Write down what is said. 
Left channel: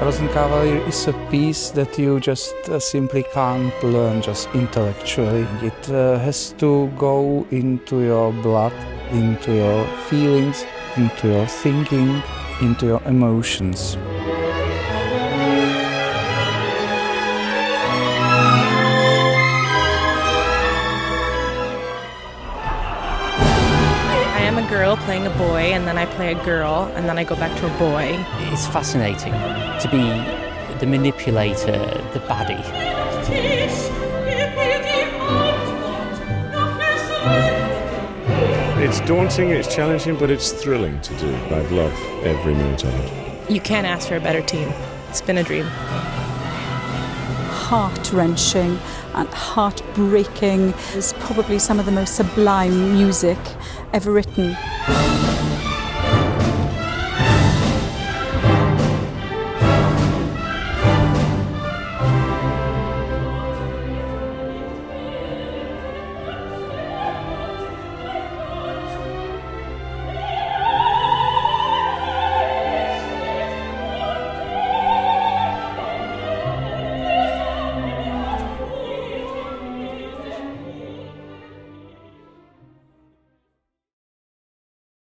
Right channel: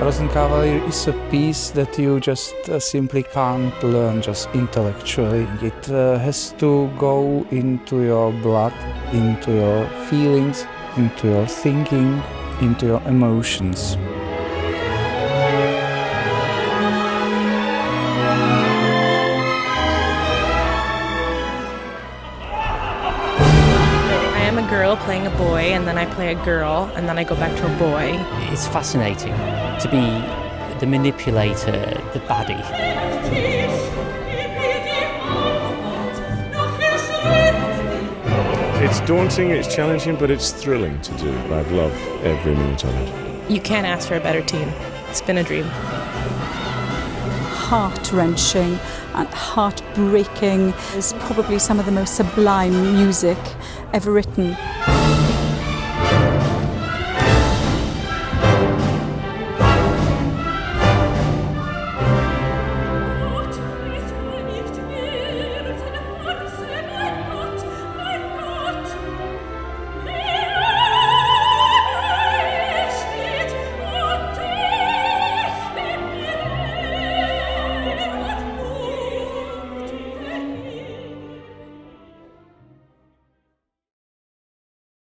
Rosenkavalier is a piece that you just simply can't learn just intellectually. It has to go into your blood, into your feelings, into your thinking, into your emotions. I am a girl playing a boy, and then I play a girl, and then I go back to a boy. It's fascinating to be the manipulator, the baddie. It's daunting, it's challenging, but it's thrilling to do. I've loved every minute of it. You can't ask for a better team. It's been a dream. Heart-wrenching and heart-breaking is probably some of the most sublime music ever written.